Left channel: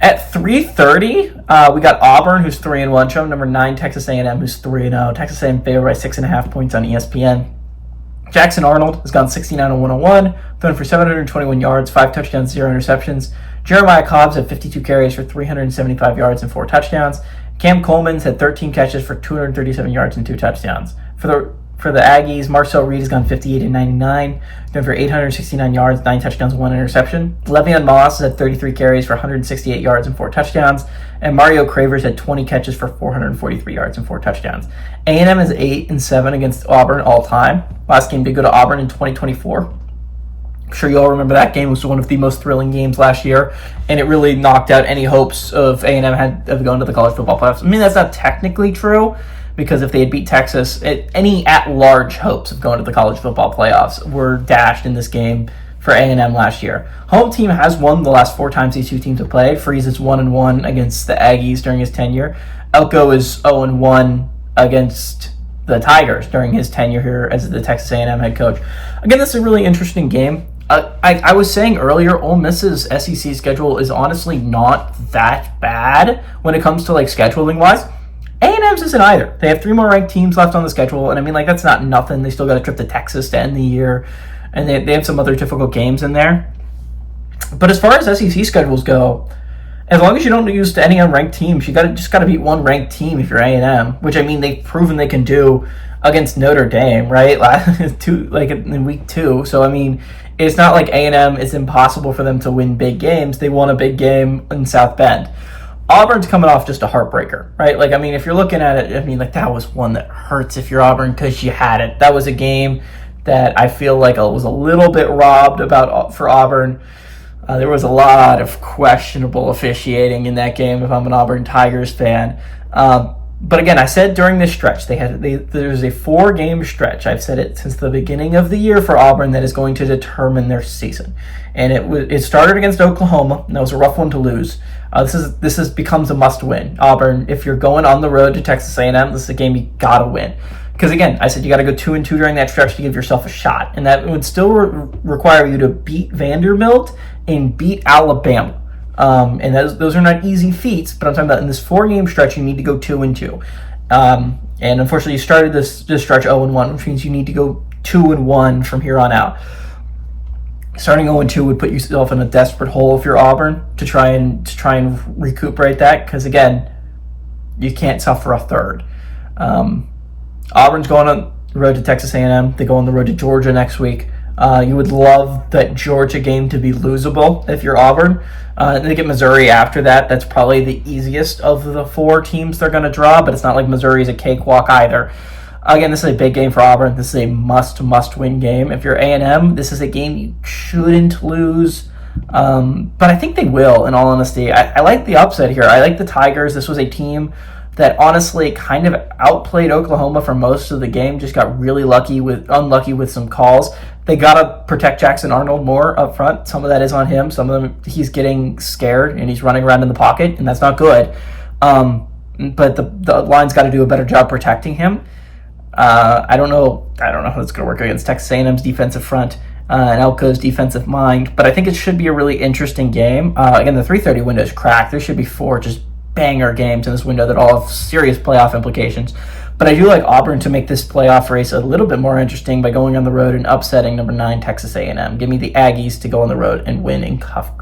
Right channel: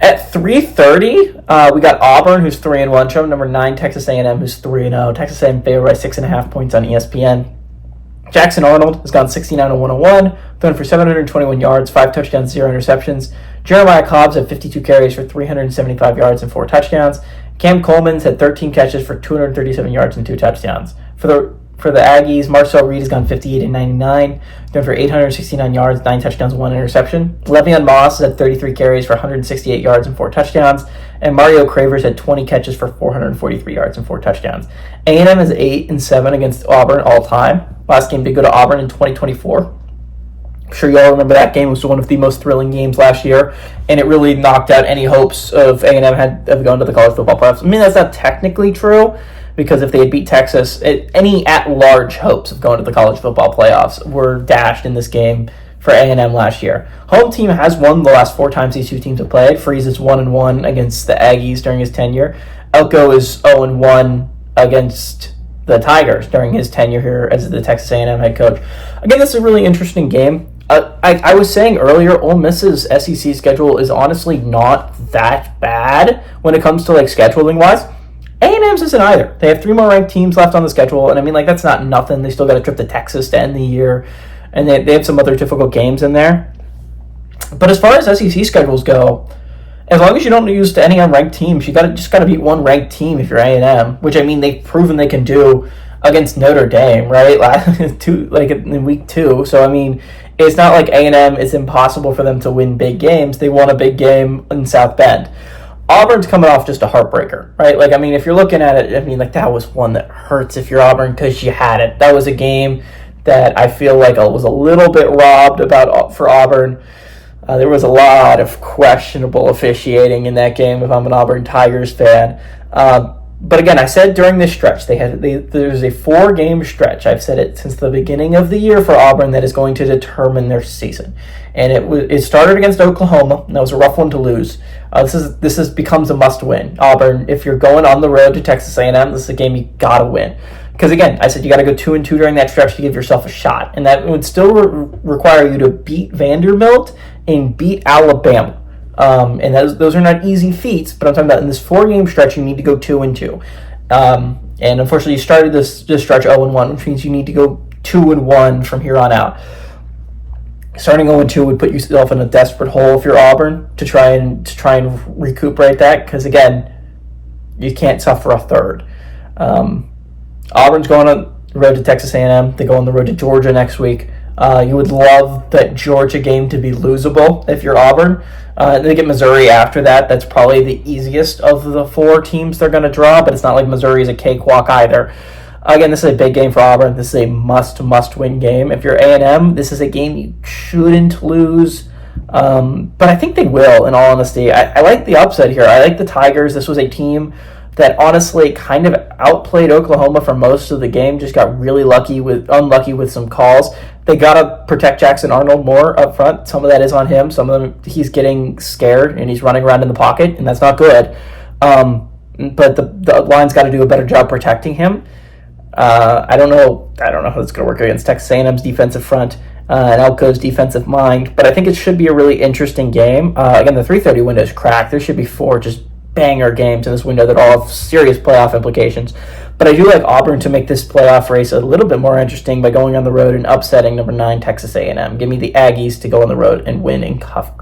At 3:30, we got Auburn, who's 3-1, showing number 9 Texas A&M, who's 3-0. Texas A&M favored by 6.5 points on ESPN. Jackson Arnold has gone 69-101, thrown for 721 yards, 5 touchdowns, 0 interceptions. Jeremiah Cobbs had 52 carries for 375 yards and 4 touchdowns. Cam Coleman's had 13 catches for 237 yards and 2 touchdowns. For the Aggies, Marcel Reed has gone 58-99, thrown for 869 yards, 9 touchdowns, 1 interception. Le'Veon Moss has had 33 carries for 168 yards and 4 touchdowns. And Mario Cravers had 20 catches for 443 yards and 4 touchdowns. A&M is 8-7 against Auburn all time. Last game did go to Auburn in 2024. I'm sure you all remember that game. It was one of the most thrilling games last year, and it really knocked out any hopes of A&M of going to the college football playoffs. I mean, that's not technically true, because if they had beat Texas, any at-large hopes of going to the college football playoffs were dashed in this game for A&M last year. Home team has won the last 4 times these two teams have played. Freeze is 1-1 against the Aggies during his tenure. Elko is 0-1 against the Tigers during his tenure here as the Texas A&M head coach. Again, this is a really interesting game. I was saying earlier, Ole Miss's SEC schedule is honestly not that bad when it comes to scheduling-wise. A&M's isn't either. They have 3 more ranked teams left on the schedule, and I mean, that's not nothing. They still got a trip to Texas to end the year, and they have some other difficult games in there. But as far as SEC schedules go, as long as you don't lose to any unranked teams, you just got to beat one ranked team if you're A&M, which I mean they've proven they can do against Notre Dame, right? In week 2. So I mean, it's not like A&M. It's impossible for them to win big games. They won a big game in South Bend. Auburn's coming off just a heartbreaker, right? If you're looking at it, that was one that hurts if you're Auburn because you had it. That was a game that I feel like I was a little bit robbed for Auburn. There was a lot of questionable officiating in that game if I'm an Auburn Tigers fan. But again, I said during this stretch, there's a 4-game stretch. I've said it since the beginning of the year for Auburn that is going to determine their season. And it started against Oklahoma. And that was a rough one to lose. This becomes a must-win. Auburn, if you're going on the road to Texas A&M, this is a game you gotta win. Because again, I said you got to go 2-2 during that stretch to give yourself a shot, and that would still require you to beat Vanderbilt and beat Alabama. And those are not easy feats, but I'm talking about in this 4-game stretch, you need to go 2-2. And unfortunately, you started this stretch 0-1, which means you need to go 2-1 from here on out. Starting 0-2 would put yourself in a desperate hole if you're Auburn to try and recuperate that, because again, you can't suffer a third. Auburn's going on the road to Texas A&M. They go on the road to Georgia next week. You would love that Georgia game to be losable if you're Auburn. They get Missouri after that. That's probably the easiest of the 4 teams they're going to draw, but it's not like Missouri's a cakewalk either. Again, this is a big game for Auburn. This is a must-win game. If you're A&M, this is a game you shouldn't lose. But I think they will, in all honesty. I like the upset here. I like the Tigers. This was a team that honestly kind of outplayed Oklahoma for most of the game, just got really unlucky with some calls. They got to protect Jackson Arnold more up front. Some of that is on him. Some of them he's getting scared and he's running around in the pocket, and that's not good. But the line's got to do a better job protecting him. I don't know how it's going to work against Texas A&M's defensive front and Elko's defensive mind, but I think it should be a really interesting game. Again, the 3:30 window is cracked. There should be 4 just banger games in this window that all have serious playoff implications. But I do like Auburn to make this playoff race a little bit more interesting by going on the road and upsetting number 9 Texas A&M. Give me the Aggies to go on the road and win and cover.